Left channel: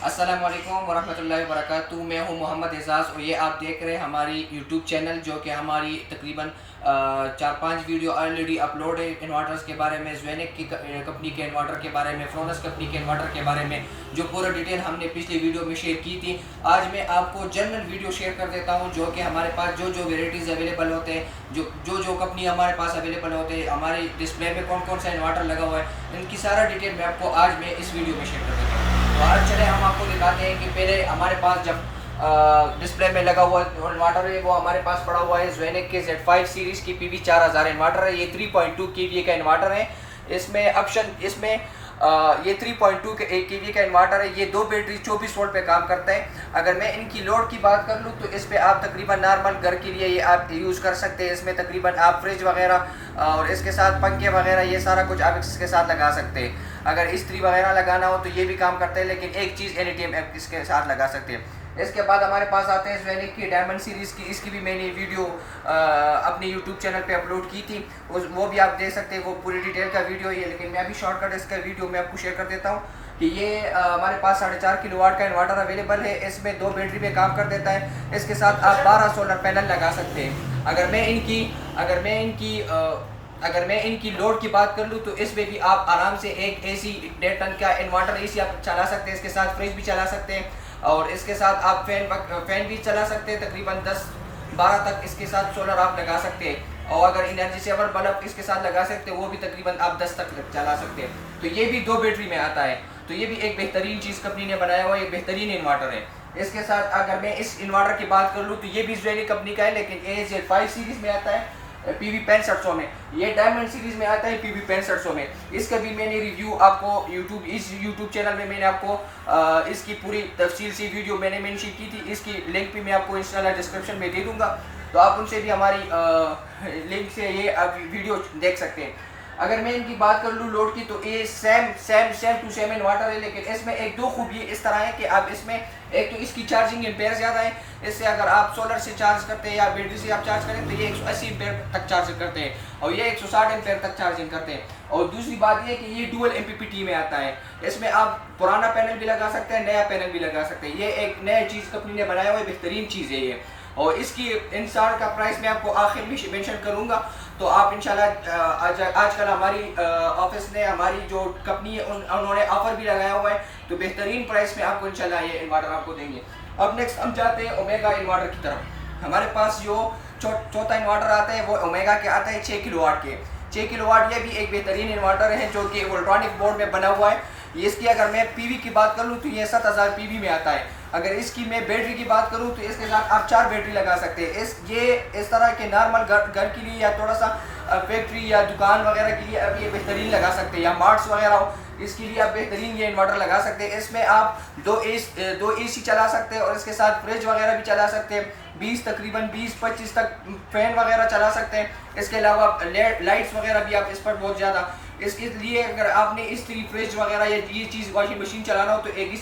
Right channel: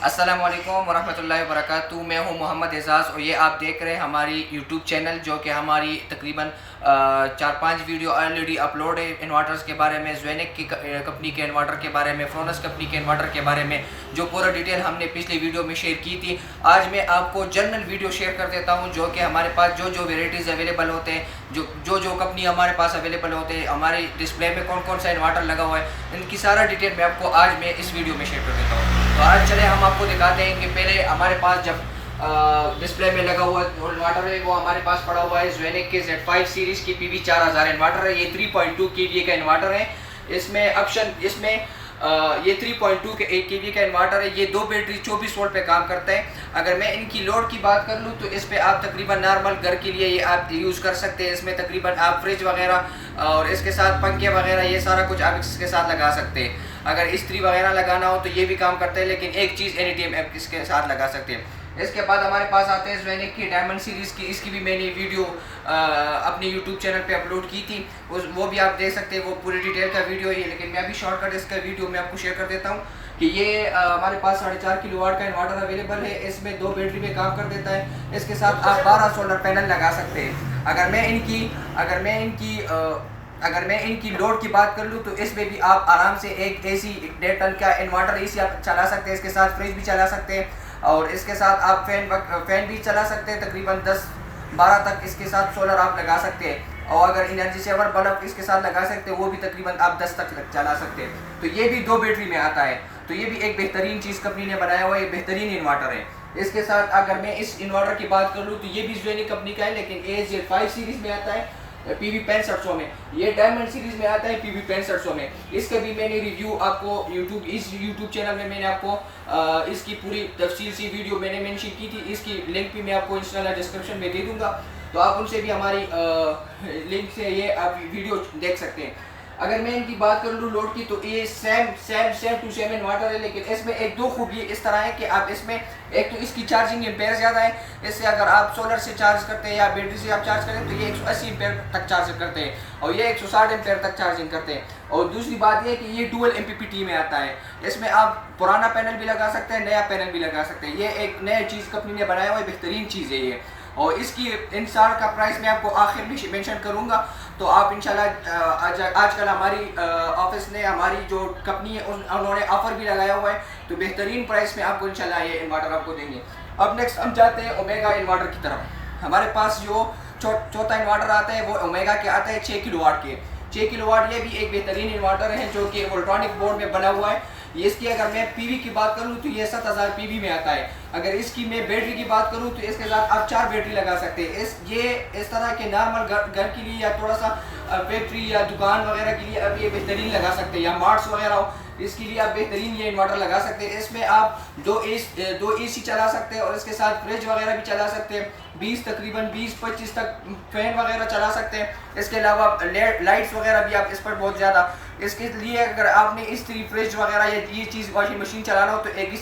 अस्सलाम वालेकुम वरहमतुल्लाहि वबरकातुहू। मैं हूं मोहम्मद एजाज़ और ये आप देख रहे हैं हमारी यूट्यूब चैनल, जो कि हमारी तकरीबन 4-5 वीडियो ऑलरेडी अपलोड है इन्वर्टर्स के बारे में, ज़ेनिक की कंपनी के इन्वर्टर के बारे में, फ्रोनस कंपनी के इन्वर्टर के बारे में, जो पूरा डिटेल हमने पिछली वीडियो में शेयर की थी। आज मैं आपको जनरल वीडियो शेयर कर देता हूँ, जो कि हमारे पास जो जो वेराइटीज़ अवेलेबल होते हैं, जो कंपनी हमारे पास अवेलेबल होते हैं, हमारी डिस्प्ले में कौन कौन सा इन्वर्टर लगा हुआ है, इनकी सारा डिटेल मैं आपको आज मैं इस वीडियो में शेयर कर देता हूँ। तो आज चले हम आपको दिखाते हैं कि पहले हमारे पास जब डिस्प्ले में लगा हुआ इन्वर्टर है, वो हमारे पास पड़ा हुआ है ज़ेनिक के Z5 सीरीज़ की PV 4000 इन्वर्टर है। ये 3.2 kVA का इन्वर्टर है। इसमें ये 3.2 kVA का इन्वर्टर है। ये 2 बैटरी 24 वोल्ट पे काम करता है। अगर मैं इनकी लोड की बात कर लूँ तो इस पे आप तकरीबन नॉर्मल घर के लिए ये आप यूज़ कर सकते हैं। इसमें तकरीबन आप फ्रिज वगैरह और इसके साथ पंखे वगैरह ये सारा कुछ आप इसके साथ लगा सकते हैं। अगर इस्त्री वगैरह लगाना हो तो ये भी काम करता है, लेकिन एक चीज़ एनी टाइम आप इसके साथ लगा सकते हैं। इसके बाद हमारे पास आते हैं ज़ेनिक की डायमंड सीरीज़ की। इसकी भी मैंने वीडियो अपने यूट्यूब चैनल पे अपलोड की थी, वो भी आप देख सकते हैं। वो पूरी डिटेल का वीडियो ही है, लेकिन मैं अभी शॉर्टकट इसका वीडियो मैं आपको शेयर कर देता हूँ कि ये हमारे पास 4.5 किलोवाट का इन्वर्टर अवेलेबल है। इसमें 2 बैटरी में काम कर देता है। इसके साथ आप 12 सोलर पैनल लगा सकते हैं। अगर मैं इनकी लोड की बात कर लूँ तो इसमें भी आप आराम से एक AC 1.5 टन का इन्वर्टर इसी आप चला सकते हैं। इसके साथ फ्रिज भी चला सकते हैं और इसके साथ आप फैन भी चला सकते हैं। तकरीबन 10-12 तक इसके साथ सोलर आप लगा सकते हैं। और अगर एनर्जी सेवर बल्ब इसके साथ लगा सकते हैं, वो भी तकरीबन आप 10 तक चला सकते हैं। तो ये भी 2 बैटरी में आता है। तो ये भी एक बेहतरीन चीज़ कंपनी ने बनाया हुआ है, बेहतरीन इन्वर्टर है। इसके साथ अगर मैं इस इन्वर्टर की बात कर लूँ तो ये भी ज़ेनिक कंपनी का है, लेकिन ये Z5 सीरीज़ में आता है PV 6500 में। ये डायमंड सीरीज में आता है PV 6500 में। इसका भी मैंने रिव्यू आपको इस यूट्यूब चैनल में मैंने आपको इसकी पूरी तफसील सी वीडियो मैंने मेंशन की थी। इसकी लिंक भी मैं आपको इंस्टाग्राम डिस्क्रिप्शन में दे दूंगा, तो आप उनसे भी हमारी लिंक से ये आप वीडियो देख सकते हैं। अगर मैं इनकी बात कर लूँ लोड की, तो ये सेम टू सेम इन्वर्टर है, लेकिन इसमें एक दो खूबी इस तरह है कि आप इसमें एक तो इसकी चार्जिंग एम्पेयर ज़्यादा है। इससे अगर आप सोलर से चार्ज करते हैं या बैटरी से आप चार्ज करें तो ये 180 एम्पेयर तक चार्ज करते हैं और ये 160 एम्पेयर तक चार्जिंग करते हैं। और दूसरी बात ये कि ये डुअल MPPT में आता है। इसमें आप पुराना पैनल भी लगा सकते हैं, नया पैनल भी लगा सकते हैं। ये एक नया चीज़ कंपनी ने बनाया हुआ है, बेहतरीन चीज़ है ये। और इसकी इंसार का प्राइस मैं आपको आखिर में मेंशन करूंगा। तो आप इंशाल्लाह आजकल हमारी ऑफिस ने, हमारी जो कंपनी है, उन्होंने ऑफर भी लगाया हुआ है, तो बेहतरीन प्राइस में आपको इंशाल्लाह ये इन्वर्टर आपको देंगे। अब नेक्स्ट हम जाते हैं ओमेगा इन्वर्टर की तरफ। हमारे पास जो चौथा इन्वर्टर आता है वो ओमेगा के आता है 6 किलोवाट के। 6 किलोवाट ये भी एक बेहतरीन इन्वर्टर है, जो कि वोल्ट्रॉनिक बोर्ड में बना हुआ है। इसकी अगर मैं PV की बात करूँ तो ये 7000 PV में आता है। अगर इसकी मैं बैटरी की बात करूँ तो इसके साथ आप 4 बैटरी लगा सकते हैं। इस तरह के नॉर्मल घर के लिए या थोड़ा सा फैक्ट्री या दुकान वगैरह के लिए अब ये बेहतरीन लगा सकते हैं, या मार्ट्स वगैरह हो, इसके लिए आप बेहतरीन ये इन्वर्टर लगा सकते हैं। इसमें आप दो AC चला सकते हैं और इसके साथ फ्रिज वगैरह भी चला सकते हैं। तकरीबन 20-25 तक फैन वगैरह चला सकते हैं। इसके अलावा लाइट्स वगैरह भी आप इस पर बहुत ज़्यादा, इसके लिए अगर आपने इस्त्री, फ्रिज वगैरह या ये चीज़ वॉशिंग मशीन चलाना हो तो एक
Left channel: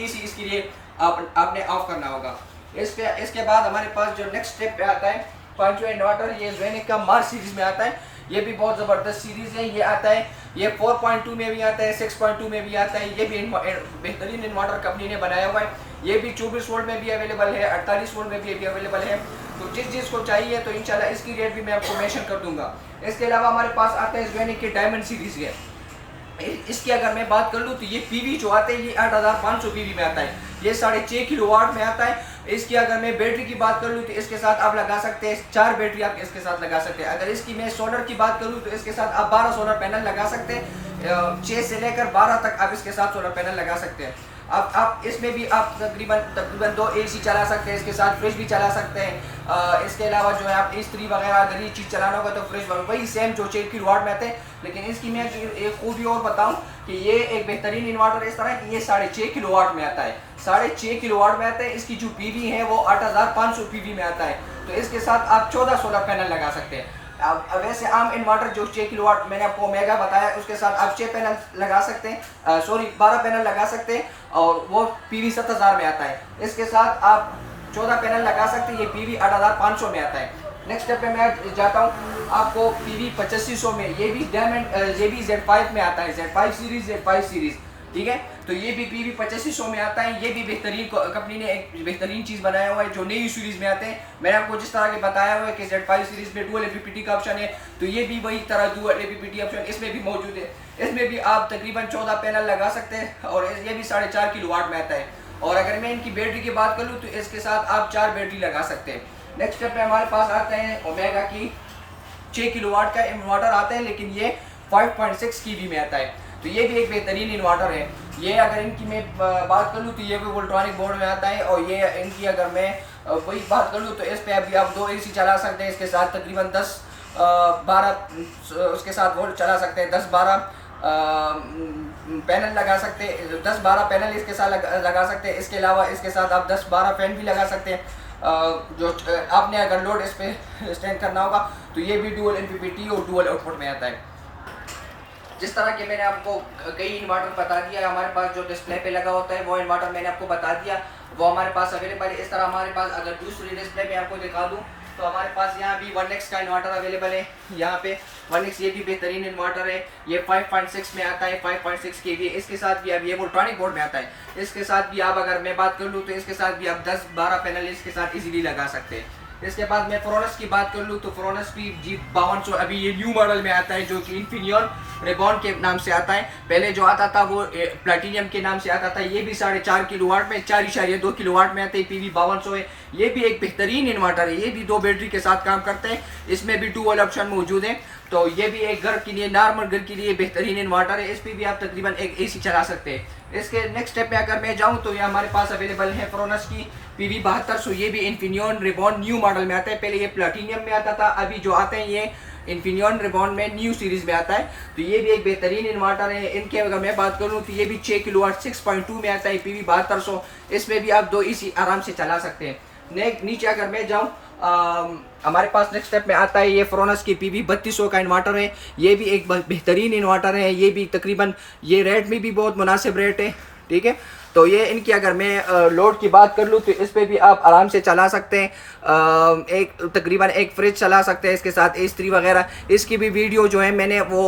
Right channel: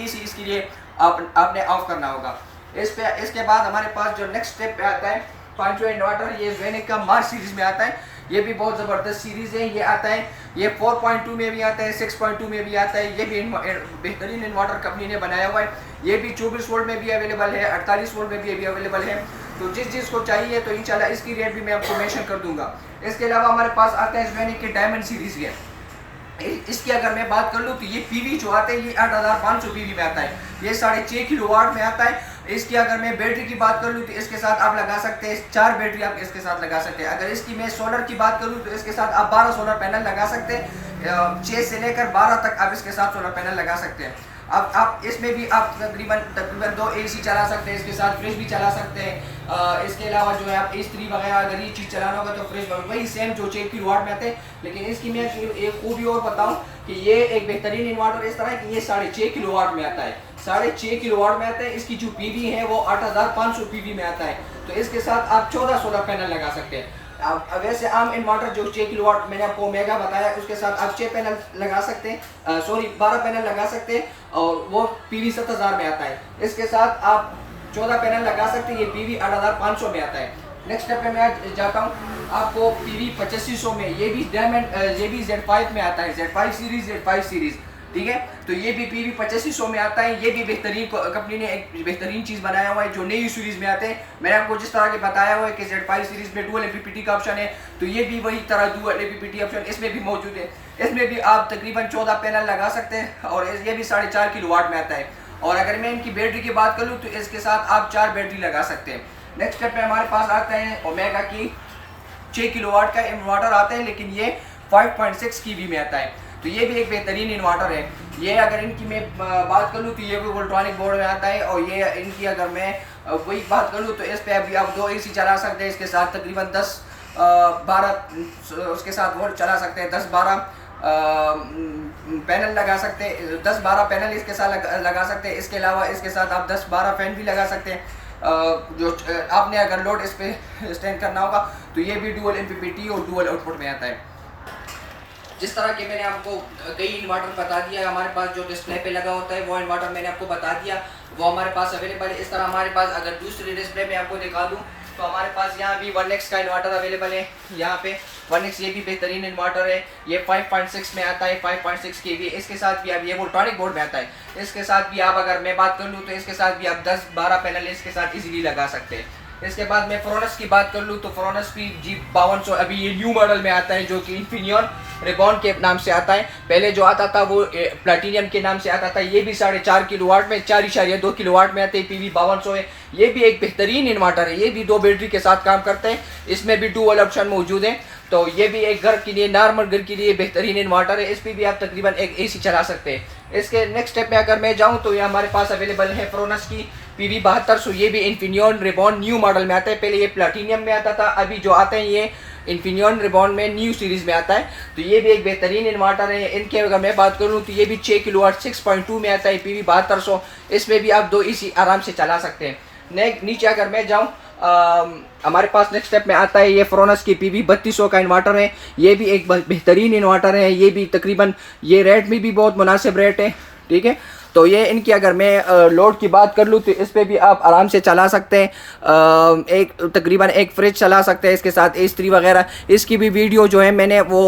AC इसके लिए आपने ऑफ करना होगा। इसके बाद हमारे पास जो नेक्स्ट स्टेप पे आता है पांचवा इन्वर्टर, ये ज़ेनिक का मार्स सीरीज में आता है। ये भी बहुत ज़बरदस्त सीरीज़ है। ये आता है, ये 4.2 में भी आता है, 6.2 में भी आता है। ये भी बेहतरीन इन्वर्टर कंपनी ने बनाया हुआ है। ये भी 24 वोल्ट में भी अवेलेबल है, 48 वोल्ट में भी अवेलेबल है। तो जिस चीज़ को चाहिए तो इंशाल्लाह इसकी रेट भी मैं आपको मेंशन कर दूंगा। इसके अलावा हमारे पास आता है ज़ेनिक के डायमंड सीरीज़ है। इसकी अगर मैं बात कर लूँ तो ये PV जो आता है ये 8500 PV में आता है। ये 6.5 किलोवाट में आता है। इसकी अगर मैं बैटरी की बात कर लूँ तो इसके साथ आप लगा सकते हैं 4 बैटरी आप इसके साथ लगा सकते हैं। अगर इसकी मैं सोलर की बात करूँ तो इसके साथ आप 12 सोलर पैनल लगा सकते हैं। 6 से लेकर 12 तक आप इसके साथ सोलर पैनल लगा सकते हैं। अब आप इसमें भी आप तकरीबन 2 AC चला सकते हैं, इसके साथ फ्रिज भी चला सकते हैं। इसके अलावा जो है आप इस्त्री वगैरह अगर ये चीज़ चलाना होगा तो फ्रिज वही सेम जो 6 किलोवाट में आते हैं। लेकिन इसकी मैं एक खूबी और बताऊं कि ये एक बेहतरीन इन्वर्टर इस तरह है कि ये 6.5 किलोवाट में आता है। 6.5 किलोवाट में आता है। इसकी जो PV है वो 8500 PV में आता है। तो इसके साथ आप 14 सोलर पैनल लगा सकते हैं। अब वैसे आम इन्वर्टर जो 6 किलोवाट मैंने आपको ओमेगा बताया, उसके साथ आप 6 पैनल लगा सकते हैं, 12 पैनल लगा सकते हैं और वो PV 7000 में आता है। इसके साथ आप 14 पैनल लगा सकते हैं। ये PV 8500 में आता है। नेक्स्ट स्टेप पे मैं जाता हूँ आपको PV 8500 में। ये भी Z5 में आता है, Z5 सीरीज। ठीक है। तो ये भी PV 8500 में आता है। ये भी बेहतरीन कंपनी ने एक बेहतरीन चीज़ बनाया हुआ है जो नई सीरीज़ में आते हैं। मैंने आपको जिस तरह के बताया हुआ है कि Z5 सीरीज़ में डुअल MPPT का ऑप्शन है, तो ये भी वही तरह डुअल MPPT ऑप्शन इसमें भी मौजूद है। इसमें भी आप तकरीबन 14 पैनल लगा सकते हैं और ये भी 4.5 किलोवाट में आता है। और अगर मैं इनकी बैटरी की बात करूँ तो इसके साथ आप 4 बैटरी लगा सकते हैं। नेक्स्ट स्टेप में हमारे पास आता है ओमेगा की 6 किलोवाट का इन्वर्टर आता है, लेकिन ये 5.6 kV में आता है। तो ये भी एक बेहतरीन इन्वर्टर है। ये अगर इनकी मैं बात कर लूँ तो ये भी वोल्ट्रॉनिक बोर्ड में आता है। और ये इनकी अगर मैं वही बात कर लूँ तो इस पर अभी आप 2 AC चला सकते हैं। इसके साथ तकरीबन 10-12 उसके साथ वोल्ट चला सकते हैं। 10-12 पैनल लगा सकते हैं, 10-12 पैनल इसके साथ लगा सकते हैं। इसके अलावा इसके साथ आप 10-12 फैन भी लगा सकते हैं। जो आपने अगर लोड इस पर स्टैंड करना होगा तो ये भी डुअल MPPT और डुअल आउटपुट में आता है। जिस तरह के मैंने आपको कई इन्वर्टर बता दिया, हमारे पास जो डिस्प्ले पे लगा होता है वो इन्वर्टर मैंने आपको बता दिया, वो हमारे पास अवेलेबल है। इस तरह हमारे पास अगर दूसरी डिस्प्ले में आपको दिखा दूँ तो हमारे पास यहाँ भी 1X का इन्वर्टर अवेलेबल है। यहाँ पे 1X ये भी बेहतरीन इन्वर्टर है। ये 5.6 में आता है, 5.6 kV। इसके साथ भी अब ये वोल्ट्रॉनिक बोर्ड में आता है। इसके साथ भी आप अगर मैं बात कर लूँ तो इसके साथ भी आप 10-12 पैनल इसके साथ इजीली लगा सकते हैं। इसके बाद मैं फ्रोनस की बात कर लूँ तो फ्रोनस भी G5200 अभी ये न्यू मॉडल में आता है, जो कि इन्फिनियन रिबॉन के नाम से आता है। पहले जो आता था वो प्लैटिनियम के नाम से आता था। ये भी 4.5 किलोवाट में 4.2 किलोवाट में आते हैं। PV 5200 है। ये भी एक बेहतरीन इन्वर्टर है। ये भी 2 बैटरी के साथ काम करते हैं। इसमें भी डुअल ऑप्शन मौजूद है। तो ये भी एक घर के लिए, नॉर्मल घर के लिए बेहतरीन इन्वर्टर है। इस पर भी आप तकरीबन एक AC चला सकते हैं। इसके नेक्स्ट स्टेप में अगर मैं जाऊँ तो ये हमारे पास अवेलेबल है फ्रोनस की PV 7200। ये भी इन्फिनियन रिबॉन न्यू मॉडल में आता है। पहले ये प्लैटिनियम में आता था, अभी जो आता है ये इन्फिनियन रिबॉन में न्यू सीरीज़ में आता है। तो ये भी एक बेहतरीन इन्वर्टर है। इनके अगर मैं बात करूँ तो ये भी 6 किलोवाट 6.2 में आता है, PV 7200। इसमें भी आप 2 AC आराम से चला सकते हैं। नीचे अगर मैं जाऊँ हमारे पास नेक्स्ट स्टेप में आता है ये फ्रोनस की PV 3200 का इन्वर्टर है। ये भी एक बेहतरीन इन्वर्टर है। ये भी तकरीबन ये रेट में भी बहुत मुनासिब रेट है, ठीक है। तो ये इनकी अगर मैं लोड की बात कर लूँ तो इस पर भी आप आराम से चला सकते हैं। एक तकरीबन एक फ्रिज चला सकते हैं, इसके साथ इस्त्री वगैरह। इसकी भी वीडियो जो है मैंने वो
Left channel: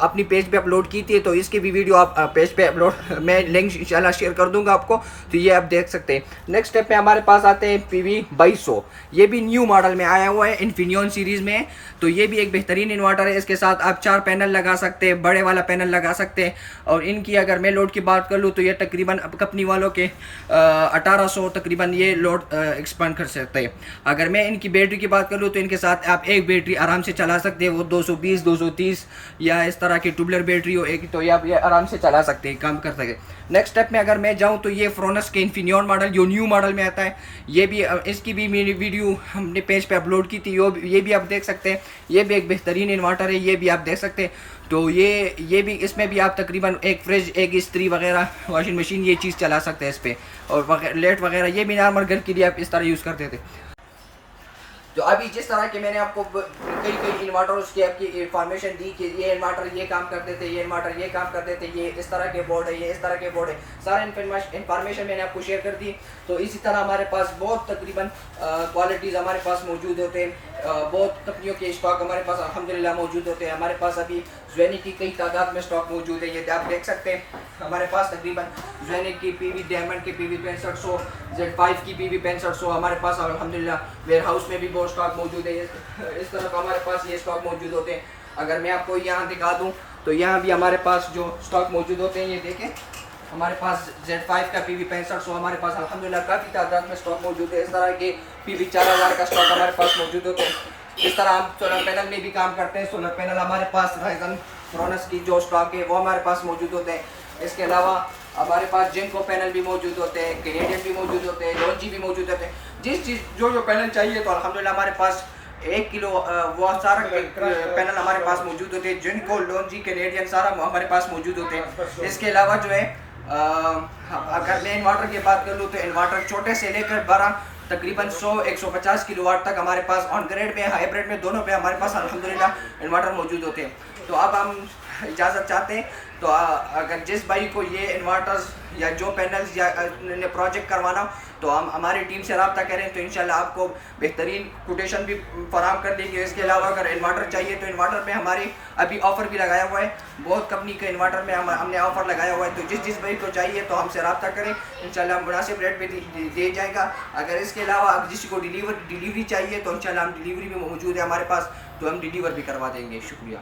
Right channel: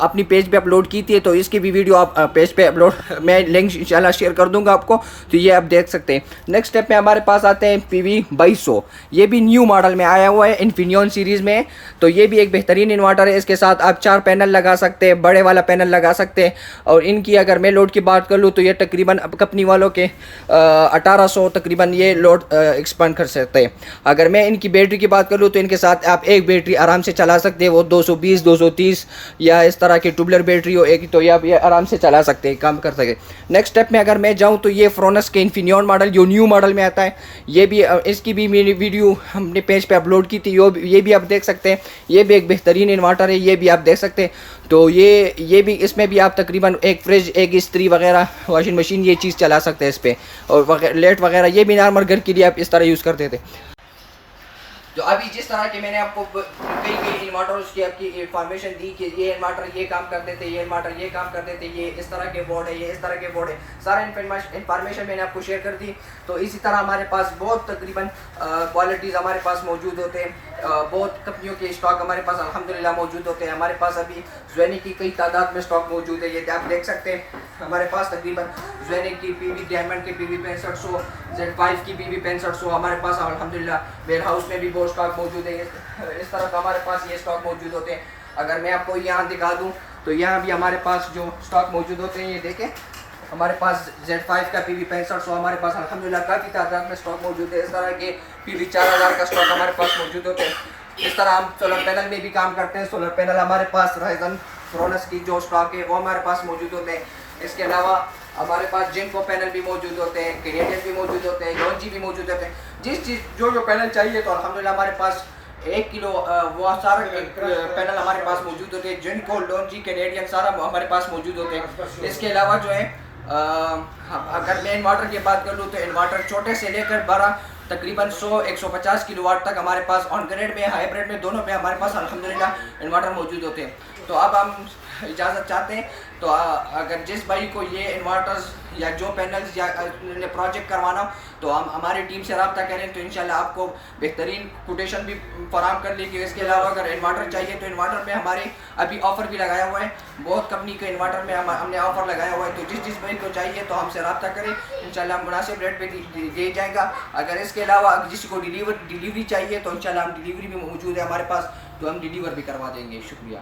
अपनी पेज पे अपलोड की थी, तो इसकी भी वीडियो आप पेज पे अपलोड, मैं लिंक इंशाल्लाह शेयर कर दूंगा आपको, तो ये आप देख सकते हैं। नेक्स्ट स्टेप में हमारे पास आते हैं PV 2200। ये भी न्यू मॉडल में आया हुआ है, इन्फिनियन सीरीज़ में। तो ये भी एक बेहतरीन इन्वर्टर है। इसके साथ आप 4 पैनल लगा सकते हैं, बड़े वाला पैनल लगा सकते हैं। और इनकी अगर मैं लोड की बात कर लूँ तो ये तकरीबन कंपनी वालों के 1800 तकरीबन ये लोड एक्सपांड कर सकते हैं। अगर मैं इनकी बैटरी की बात कर लूँ तो इनके साथ आप एक बैटरी आराम से चला सकते हैं। वो 220 230 या इस तरह की ट्यूबलर बैटरी हो एक, तो ये आराम से चला सकते हैं, काम कर सकते हैं। नेक्स्ट स्टेप में अगर मैं जाऊँ तो ये फ्रोनस के इन्फिनियन मॉडल जो न्यू मॉडल में आता है, ये भी इसकी भी मेरी वीडियो हमने पेज पे अपलोड की थी, ये भी आप देख सकते हैं। ये भी एक बेहतरीन इन्वर्टर है, ये भी आप देख सकते हैं। तो ये भी, इसमें भी आप तकरीबन एक फ्रिज, एक इस्त्री वगैरह, वॉशिंग मशीन, ये चीज़ चला सकते हैं इस पर। और लेट वगैरह ये भी नॉर्मल घर के लिए आप इस तरह यूज़ करते थे। तो अभी जिस तरह के मैंने आपको कई इन्वर्टर्स की आपकी इंफॉर्मेशन दी कि ये इन्वर्टर ये काम कर देते, ये इन्वर्टर ये काम कर देते, ये इस तरह के बोर्ड है, ये इस तरह के बोर्ड है, सारा इन्फॉर्मेशन मैंने आपको शेयर कर दी। तो इसी तरह हमारे पास बहुत तकरीबन क्वालिटीज़ हमारे पास मौजूद होते हैं। बहुत कंपनियों के स्टॉक हमारे पास अल्हम्दुलिल्लाह मौजूद होते हैं। हमारे पास अभी ज़ेनिक की कई तादाद में स्टॉक मौजूद है, ये आप देख सकते हैं। हमारे पास तकरीबन ज़ेनिक की PV डायमंड की PV 6500, Z5 की PV 6500 हमारे पास अल्हम्दुलिल्लाह वेयर हाउस में भी बहुत स्टॉक मौजूद है। इस तरह का हमारे पास ये स्टॉक मौजूद होते हैं। अगर मैं आपको यहाँ दिखा दूँ तो यहाँ भी हमारे पास जो स्टॉक मौजूद होते हैं, ये देखें, हमारे पास Z5 का PV 6500 हमारे पास अल्हम्दुलिल्लाह काफ़ी तादाद में स्टॉक मौजूद है। इस तरह के PV 4000 का स्टॉक हमारे पास मौजूद होते हैं। इस तरह हम सोलर पैनल में भी काम करते हैं। सोलर पैनल हमारे पास राइजन फ्रोनस की जो स्टॉक है वो हमारे पास मौजूद होते हैं। इसके अलावा हमारे पास जिनको पैनल भी मौजूद होते हैं, कैनेडियन भी मौजूद होते हैं, लॉन्जी भी मौजूद होते हैं। जिस चीज़ जो पैनल चाहिए तो अल्हम्दुलिल्लाह हमारे पास 1 किलो वो सारा पैनल हमारे पास मौजूद होते हैं। जिनको लॉन्जी कैनेडियन सारा हमारे पास मौजूद होते हैं। इसके अलावा जो है अगर मैं इन्वर्टर की बात कर लूँ तो इन्वर्टर छोटे से लेकर बड़ा तकरीबन 100-150 किलोवाट तक हमारे पास ऑन ग्रेड में, हाइब्रिड में, दोनों पे हमारे पास अल्हम्दुलिल्लाह इन्वर्टर मौजूद होते हैं। तो अब हम इजाज़त चाहते हैं। तो अगर जिस भाई को ये इन्वर्टर्स या जो पैनल्स या प्रोजेक्ट करवाना हो तो हम हमारी टीम से रब्ता करें, तो इंशाल्लाह आपको बेहतरीन कोटेशन भी फराम कर देंगे। इसके अलावा अगर इन्वर्टर चाहिए तो इन्वर्टर में हमारे अभी ऑफ़र भी लगाया हुआ है, बहुत कंपनी के इन्वर्टर में हमने ऑफ़र लगाया हुआ है। तो जिस भाई को चाहिए तो हमसे रब्ता करें, इंशाल्लाह हम मुनासिब रेट पे दे जाएगा। अगर इसके अलावा किसी को डिलीवरी चाहिए तो इंशाल्लाह हम डिलीवरी भी मौजूद है हमारे पास, तो हम डिलीवर भी करवा देंगे। शुक्रिया।